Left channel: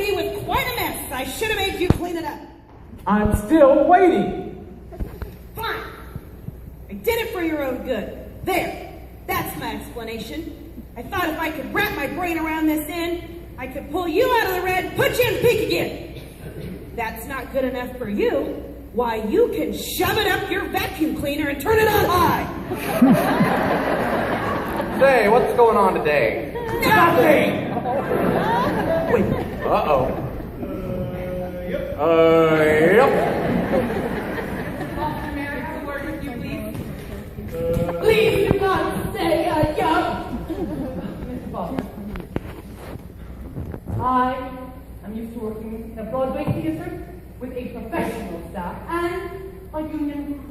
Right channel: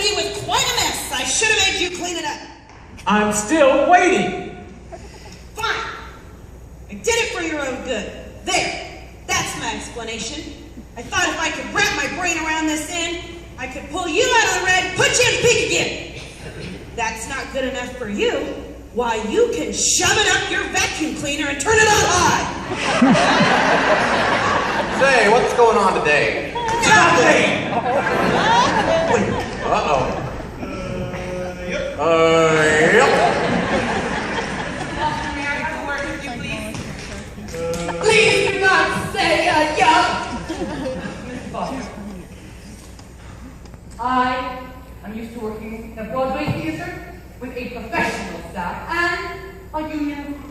me with quite a mess. I should have made you clean it up. I'm still waiting. Fine. I did it for your own good. There. That's my explanation. I thought if I could wrap my brain around this end, I could pull you out of the red and put you in the pink again. That's not good enough for you. Why, you can shove it up your vacuum cleaner and turn it on high. Say, what's going on today? Nothing! Uh-oh. Yep. Yep. Officer, may I have a word with you, please? Please do not say yup. Mr. Foster. I am used to working in a Broadway theater with a professional staff and a union.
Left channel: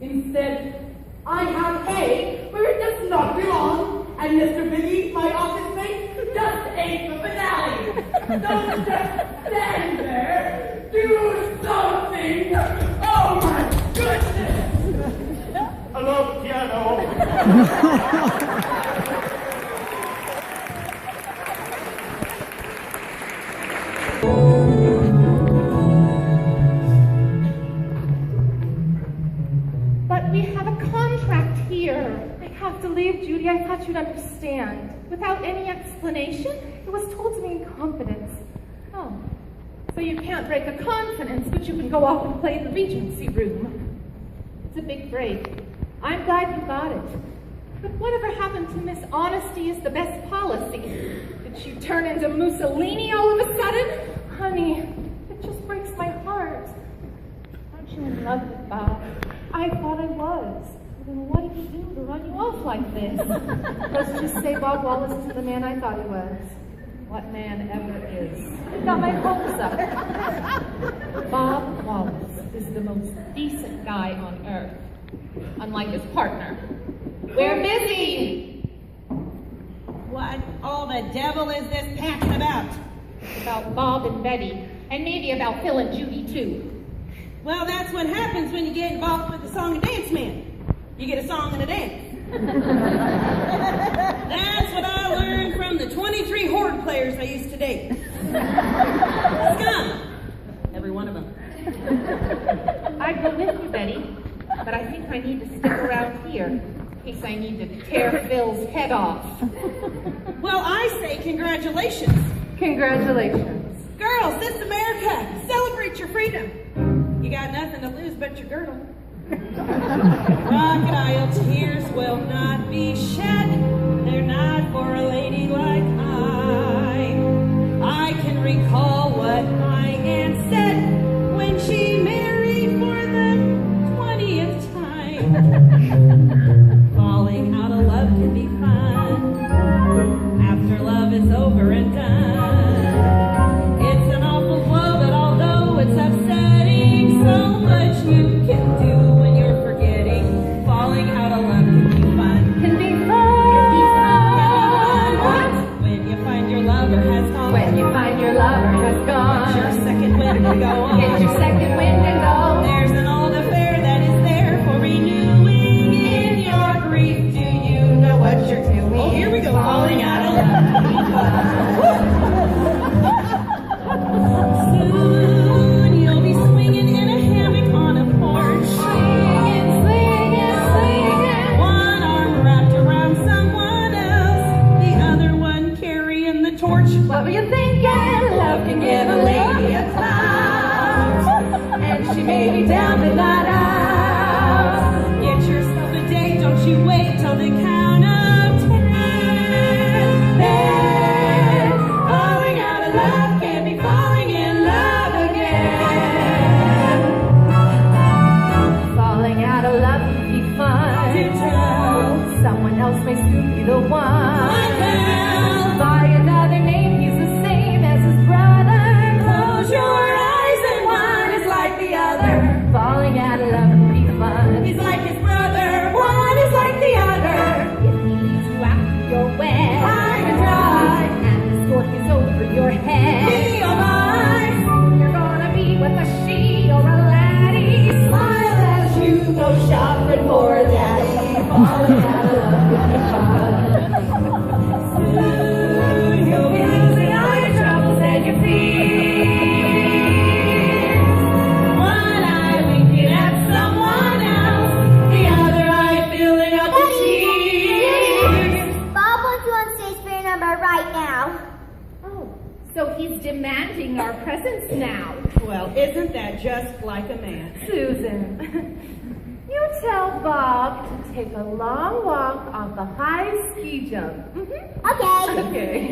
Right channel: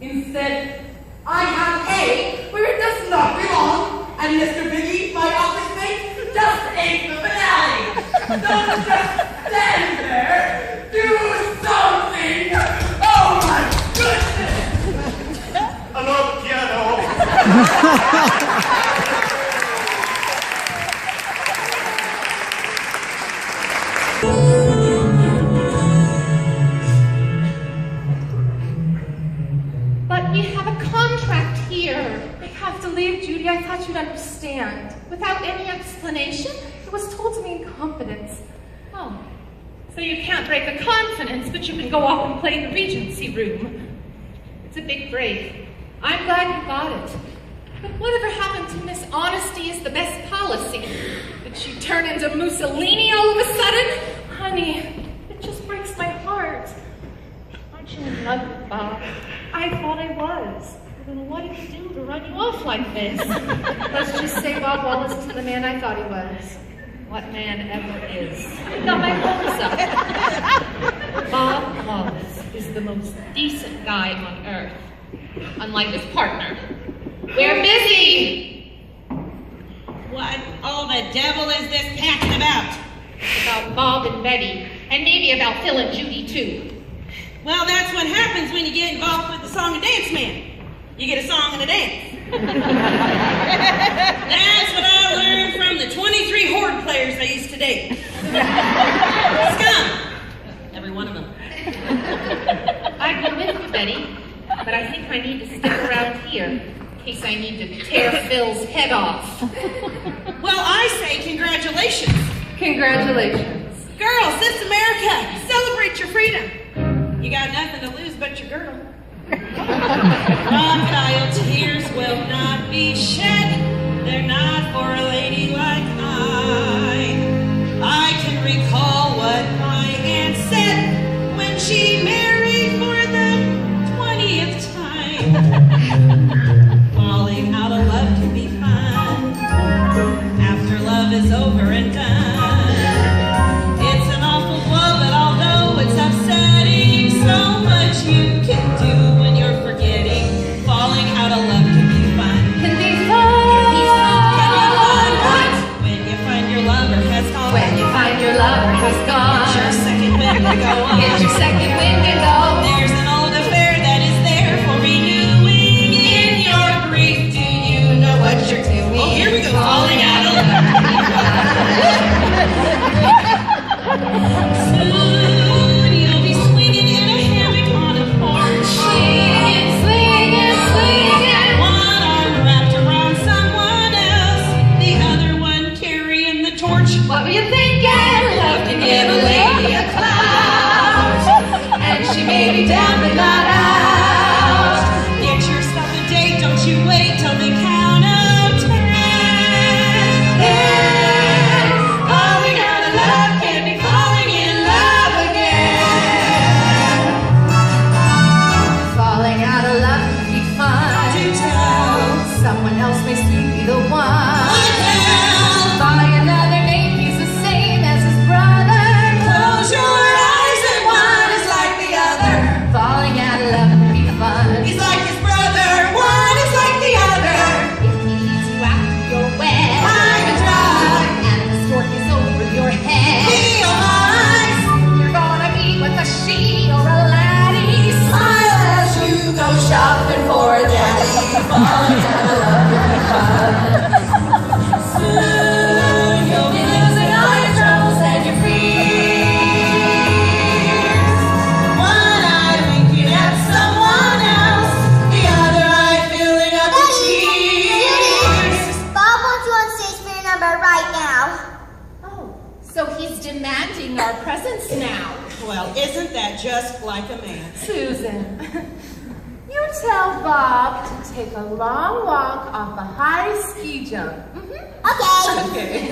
Instead, I have A where it does not belong, and Mr. Biggie, my office mate, just ate the finale. Don't just stand there. Do something. Oh my goodness. Another piano. But we have a contract here. I have to leave, Judy. I thought you'd understand. Without any explanation, it was told to me in confidence. Oh, so you can't break a confidence, but you can go off and play in the Regency room. It's a big break. I'm glad you got it. But whatever happened to Miss Honesty is the best policy? Did she turn into Mussolini all of a sudden? Honey, it just breaks my heart. Aren't you in love with Bob? I thought I was. Then what did he do to run you off like this? Let's just say Bob Wallace isn't the man I thought he was. What man ever is? He got my hopes up. Bob Wallace is the most decent guy on earth. Unlike his partner. We're busy! What all the devil is this packing about? It's about Bob and Betty, and maybe about Phil and Judy too. Well, that's what happens when you get involved with the song and dance man. You get a song and a dance. That's what I learned from the 23 Horde players I used to date. Scum! Every one of them. I'd go with you, Betty, but I think I need to stick around here in case I need to tear Phil's head off. Well, I say congratulations. Congratulations. Girls, this is America. Celebrate your freedom. You got nothing to lose but your girdle. Crocodile tears will not be shed. They're not for a lady like I can recall what my aunt said when she married for the 20th time. Falling out of love can be fun after love is over and done. It's an awful blow, but although it's upsetting, so much you can do when you're forgetting. Falling out of love can be fun. Can be fun. When you find your lover has gone. When you find your lover has gone. Get your second wind to go on. Get your second wind and go. There's an old affair that is there for renewing. In your grief, do you know what you're doing? Oh, here we go. Falling out of love. Soon you'll be swinging in a hammock on a porch. Swinging, swinging, swinging. One arm wrapped around someone else, the other one carrying the torch. What were you thinking? Love can give a lady a clout. And she may be down but not out. Get yourself a date, don't you wait till the count of 10. Then, falling out of love can be falling in love again. Falling out of love can be fun. Do tell. Someone else may soon be the one. What hell? By another name, he's the same as his brother. Close your eyes and one is like the other. Falling out of love can be fun. He's like his brother, one is like the other. If he leads you out your way, High and dry, and the stork is over your head, be alive. you're gonna be with a she or a laddie. Smile as you go shopping for a daddy. Falling out of love can be fun. Soon you'll be losing all your troubles and your So he's demanding our presence now. Well, isn't that just like a man? Susan, you tell Bob to take a long walk off the high ski jump. Okay.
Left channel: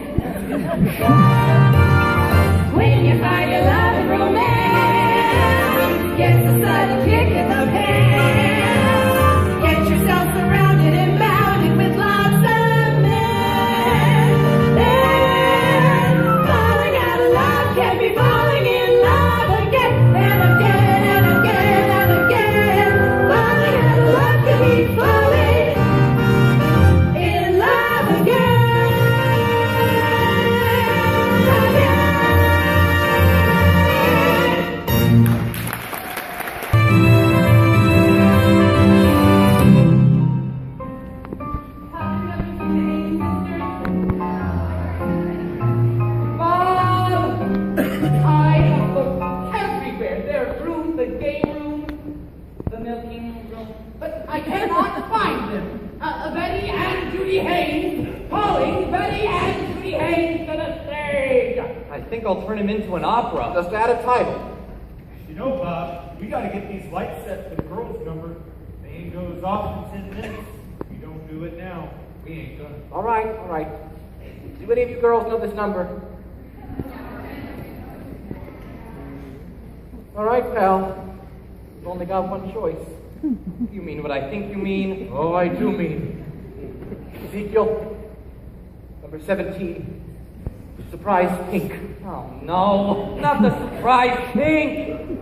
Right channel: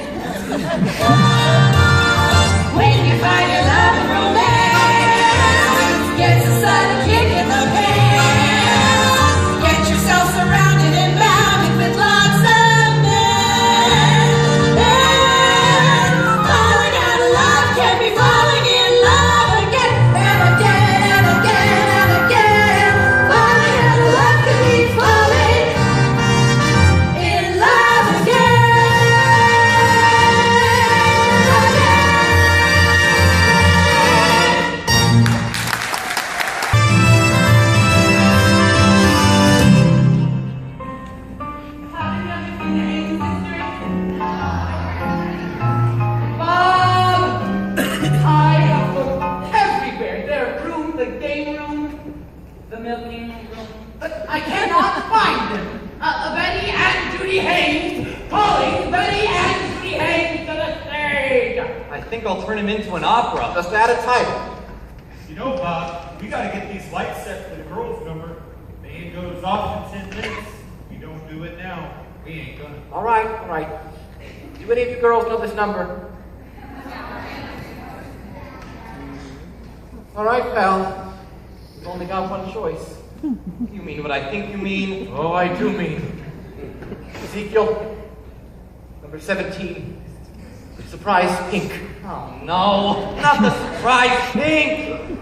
When you find your love and romance, gets a sudden kick in the pants. Get yourself surrounded and bounded with lots of men. And falling out of love can be falling in love again and again and again and again. Falling out of love can be falling in love again. I cannot find them. Betty and Judy Haynes, calling Betty and Judy Haynes to the stage. I think I'll turn him into an opera. Just add a title. You know, Bob, we gotta get these lights set for the girls' number. Band goes off in 10 minutes. If we don't do it now, we ain't gonna. All right. Do any of you girls know this number? All right, pal. You've only got one choice. You mean what I think you mean? Oh, I do mean. Ezekiel, number 17. Surprise pink. Oh no, not the surprise pink!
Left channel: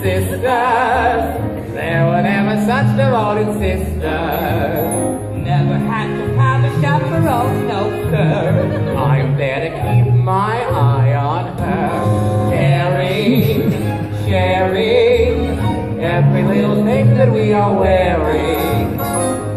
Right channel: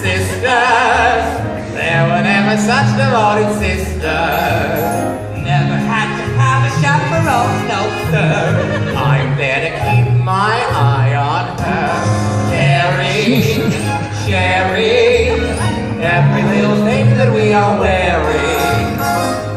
Sisters, there were never such devoted sisters. Never had to have a chaperone, no sir. I'm there to keep my eye on her. Sharing every little thing that we are wearing.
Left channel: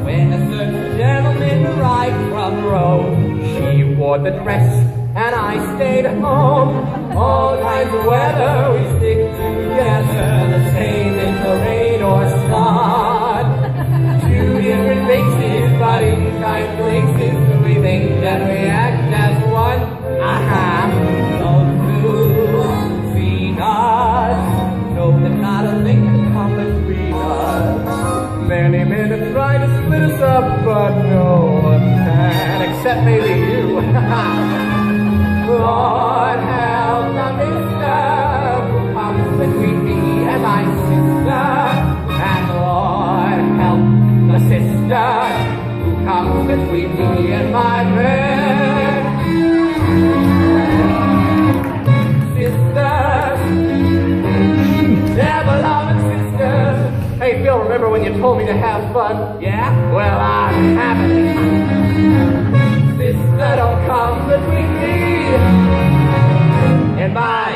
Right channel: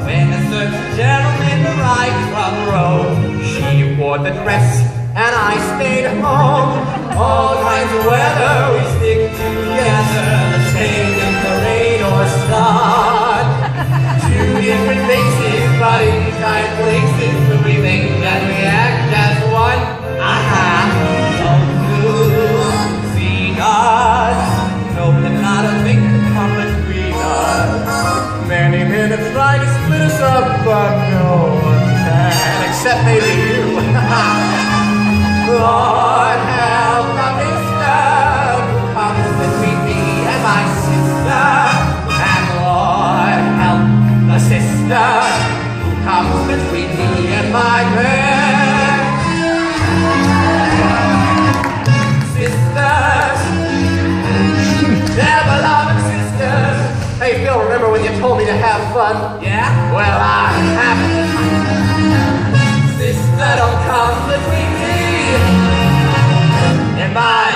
When a certain gentleman arrived from Rome, she wore the dress and I stayed home. All kinds of weather, we stick together. The same in parade or start. Two different faces, but in kind places. So we think that we act as one. Aha, so to see us. No, that not a thing can come between us. Many men have tried to split us up, but no one can. Except maybe you. Lord help the mister who comes between me and my sister. And Lord help the sister who comes between me and my man. Sisters, never loving sisters. Hey Bill, remember when you told me to have fun? Yeah? Well, I haven't. Sister, don't come between me and my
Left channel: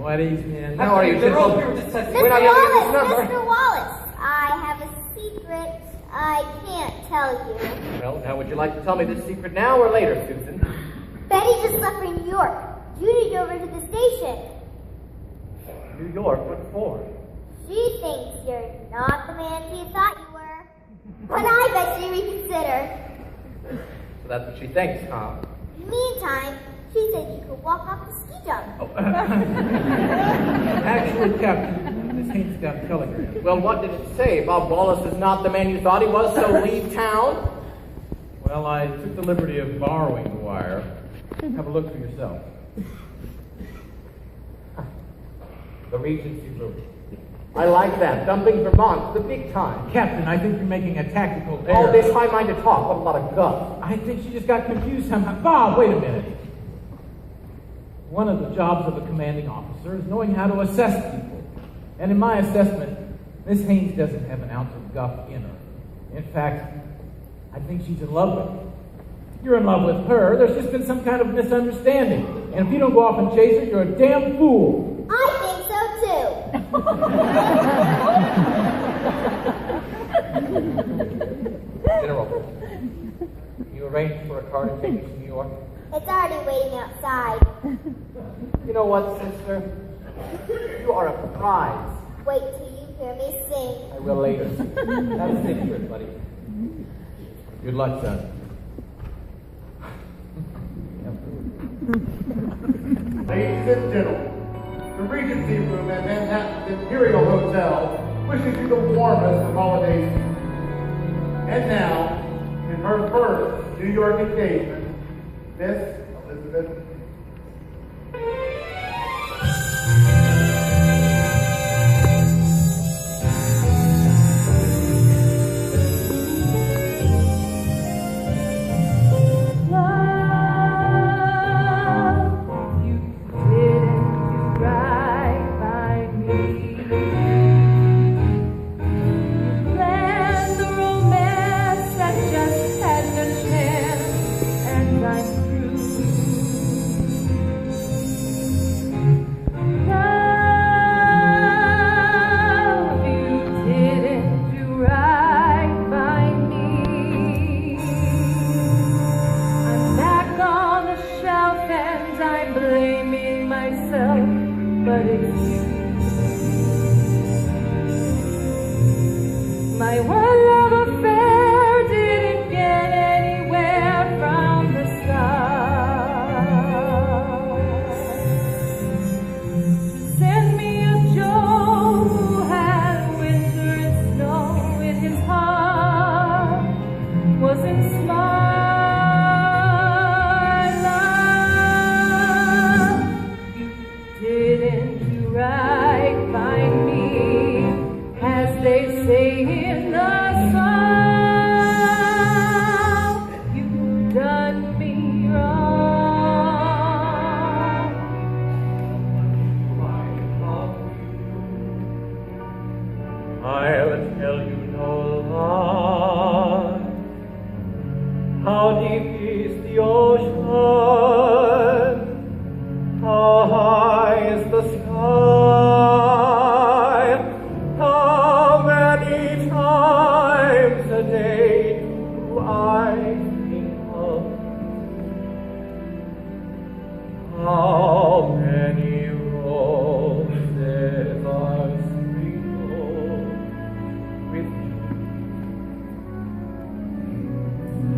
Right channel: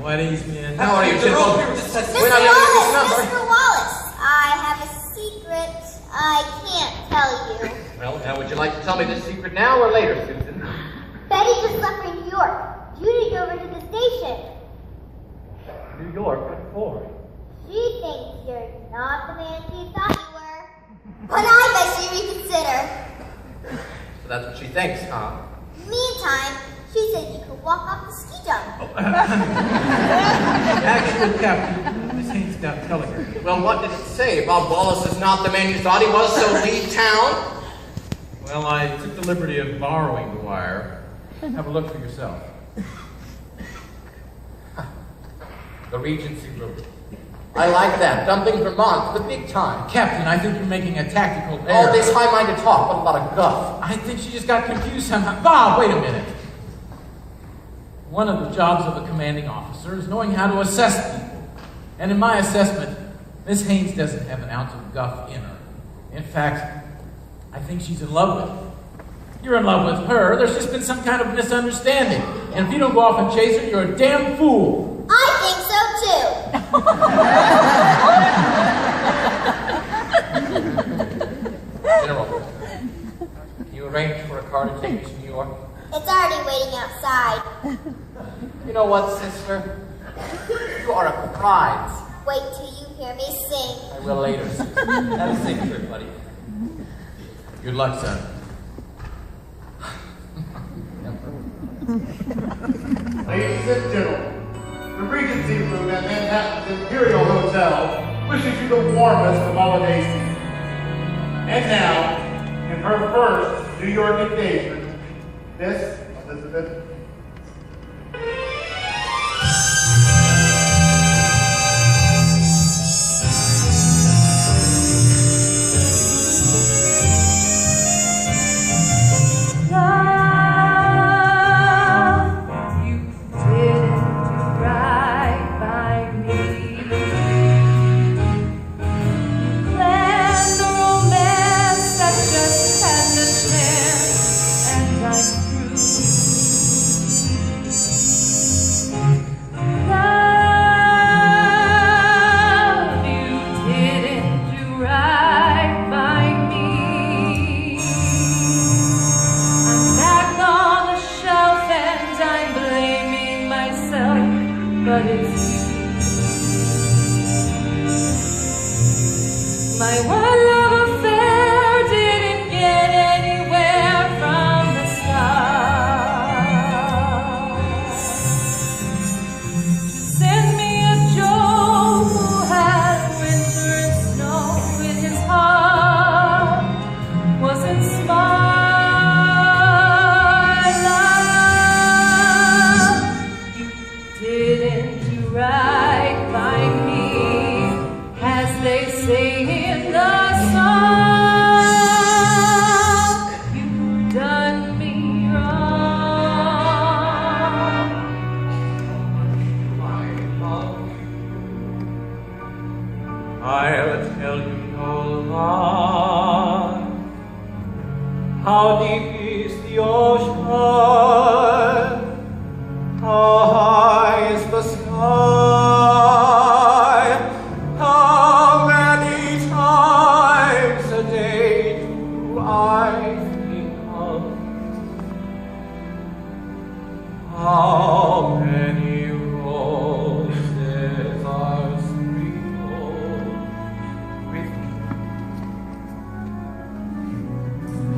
What is, man? How are you, They're all Jimbo? here just We're to- not using this number. Mr. Wallace, I have a secret I can't tell you. Well, now would you like to tell me this secret now or later, Susan? Betty just left for New York. Judy over to the station. New York, what for? She thinks you're not the man she thought you were. But I bet she reconsider. So that's what she thinks, huh? Meantime, she said you could walk off the ski jump. Actually, Captain, Miss Haynes got telegram. Well, what did it say? Bob Wallace is not the man you thought he was, so leave town? Well, I took the liberty of borrowing the wire. Have a look for yourself. The Regency Room. I like that. Dumping Vermont, the big time. Captain, I think you're making a tactical error. All this high-minded talk, what a lot of guff. I think she just got confused somehow. Bob, wait a minute. One of the jobs of a commanding officer is knowing how to assess people. And in my assessment, Miss Haynes doesn't have an ounce of guff in her. In fact, I think she's in love with you. You're in love with her. There's just been some kind of misunderstanding. And if you don't go off and chase her, you're a damn fool. I think so too. General, you arranged for a car to take us to New York? It's already waiting outside. You know what, sister? You are a prize. Wait till you hear me sing. I will later, sister. Have a safe trip, buddy. Good luck, son. Ladies and gentlemen, the Regency Room at Manhattan's Imperial Hotel wishes you the warmest of holiday season. And now, in her first New York engagement, Miss Elizabeth.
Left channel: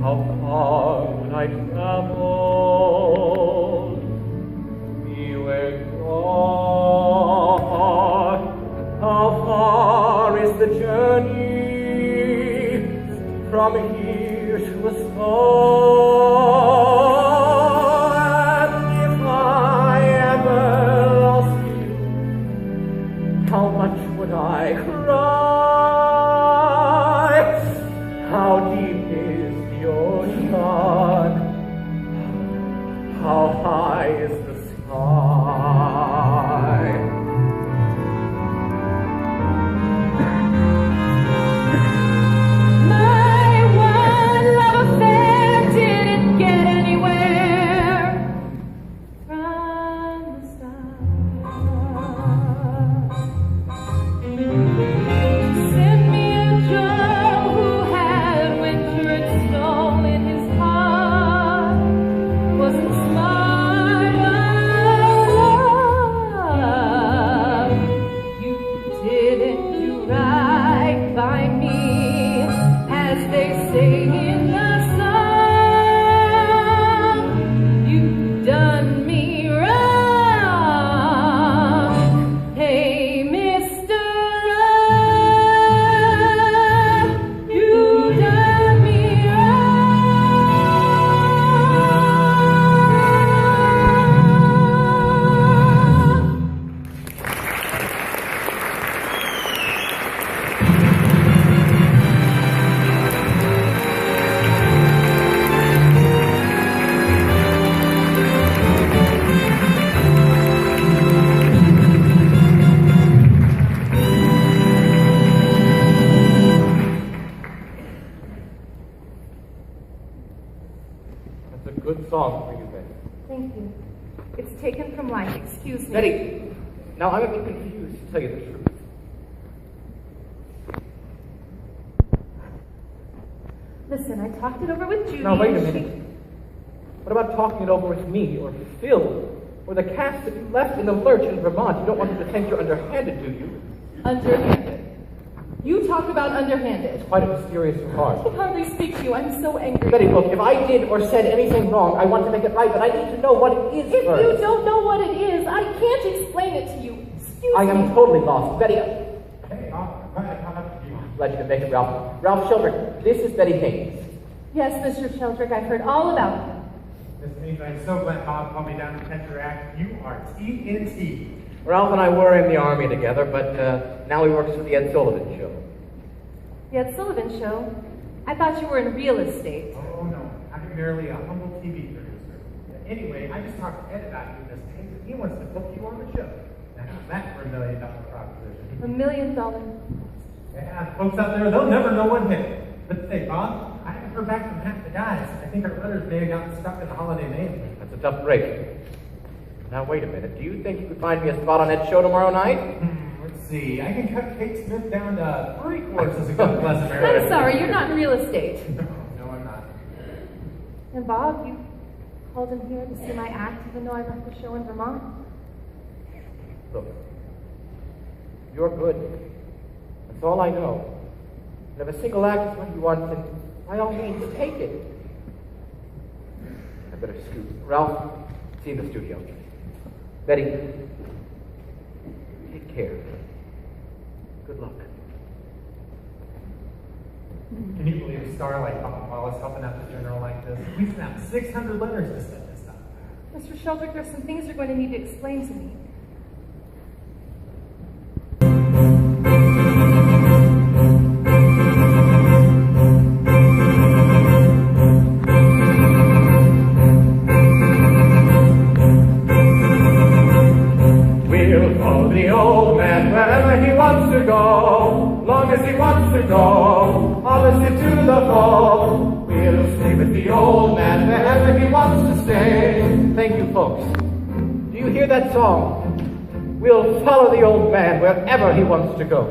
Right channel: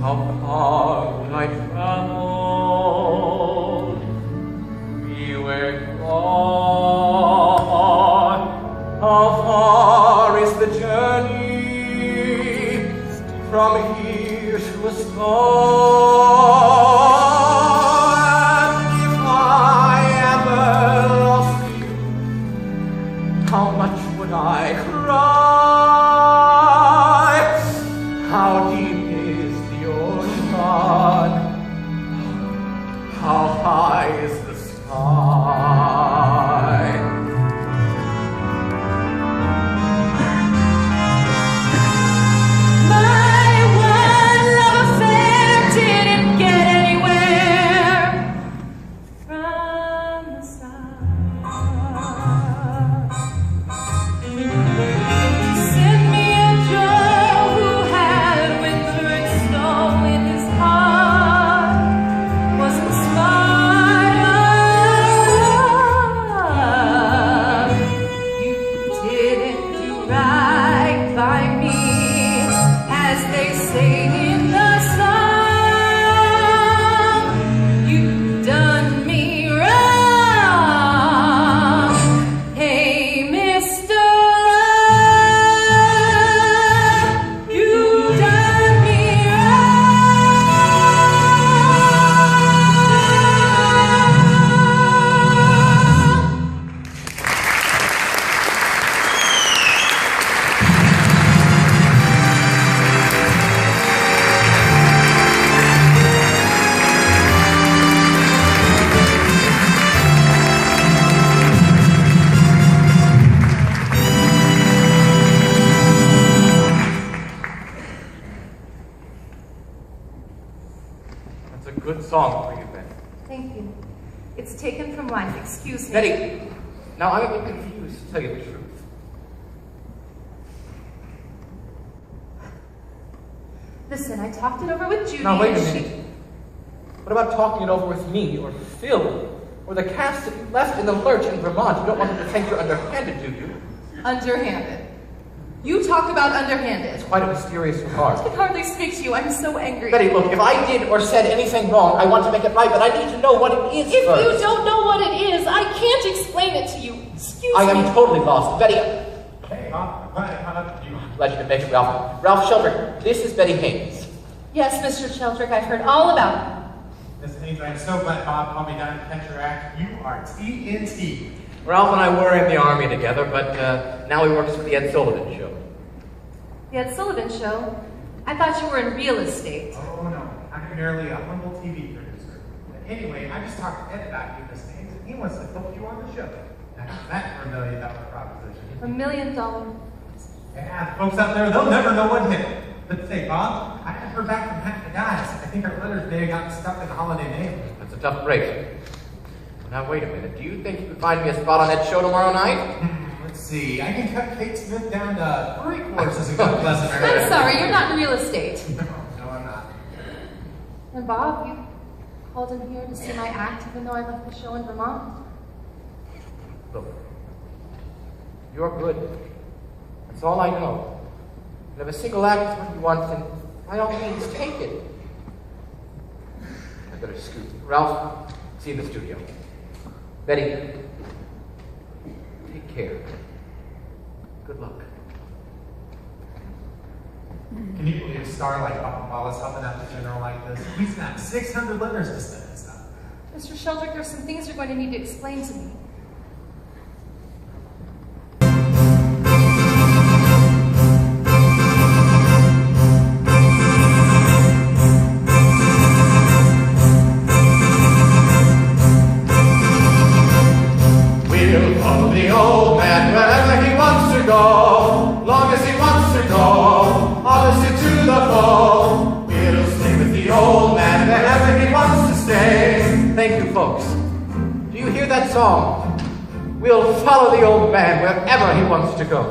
How far would I travel It's a good song for you, Betty. Thank you. It's taken from life. Excuse me. Betty, now I'm a bit confused, to tell you the truth. Listen, I talked it over with Judy. Now, wait a and minute. What about talking it over with me, or Phil, or the cast that you left in the lurch in Vermont? You don't want them to think you're underhanded, do you? Underhanded. You talk about underhanded. It's quite a mysterious I regard. can hardly speak to you. I'm so angry. Betty, look, if I did or said anything wrong, I want to make it right, but I need to know what it is If first. you don't know what it is, I can't explain it to you. Excuse I me. am totally lost. Betty, Hey, Bob, I'm glad I caught up with you. glad you could make it, Ralph. Ralph Sheldrake, this is Betty Haynes. Yes, Mr. Sheldrake, I've heard all about it. Miss Haynes, I'm so glad Bob called me down to catch your act. You are TNT. Ralph and I were in the Army together, but now he works for the Ed Sullivan Show. The Ed Sullivan Show? I thought you were in real estate. Oh, no. I'm merely a humble TV producer. But anyway, I just talked to Ed about you, Miss Haynes, and he wants to book you on the show. And that's for $1 million proposition. $1 million. Yeah, the folks out there, they'll never know what hit. But say, Bob, I haven't heard back from half the guys. I think our letters may have gotten stuck in the holiday mail. That's a tough break. Now, wait a minute. Do you think you could find me a spot on that show tomorrow night? Let's see. I can cut Kate Smith down to 3 courses a good lesson. I'm sorry, you're not in real estate. No, I'm not. And Bob, you called in here to see my act even though I left the show in Vermont? Look, you're good. That's all I know. And if a single act is what you want, then by all means, take it. I better scoot. Ralph, see you in the studio. Betty, take care. Good luck. Can you believe a star like Bob Wallace helping out the funeral like this? He's got 600 letters to send and stuff. Mr. Sheldrake, there's some things you're going to need to explain to me. We'll follow the old man wherever he wants to go, long as he wants to go, obviously to the foe. It'll stay with the old man wherever he wants to stay. Thank you, folks. Do you hear that song? We'll follow the old man wherever he wants to go.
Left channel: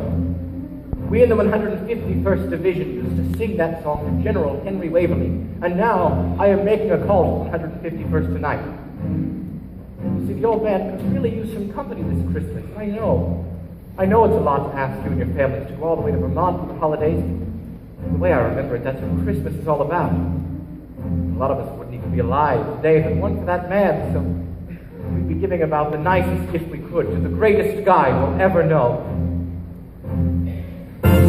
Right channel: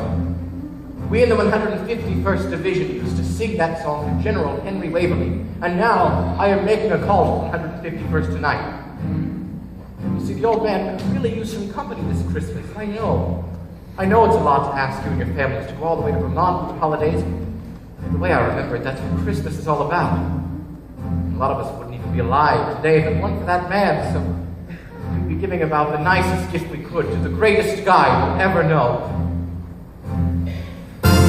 We in the 151st Division used to sing that song to General Henry Waverly, and now I am making a call to the 151st tonight. You see, the old man could really use some company this Christmas. I know. I know it's a lot to ask you and your families to go all the way to Vermont for the holidays. The way I remember it, that's what Christmas is all about. A lot of us wouldn't even be alive today if it weren't for that man, so we'd be giving about the nicest gift we could to the greatest guy we'll ever know.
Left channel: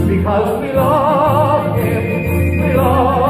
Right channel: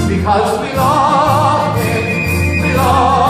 Because we love him, we love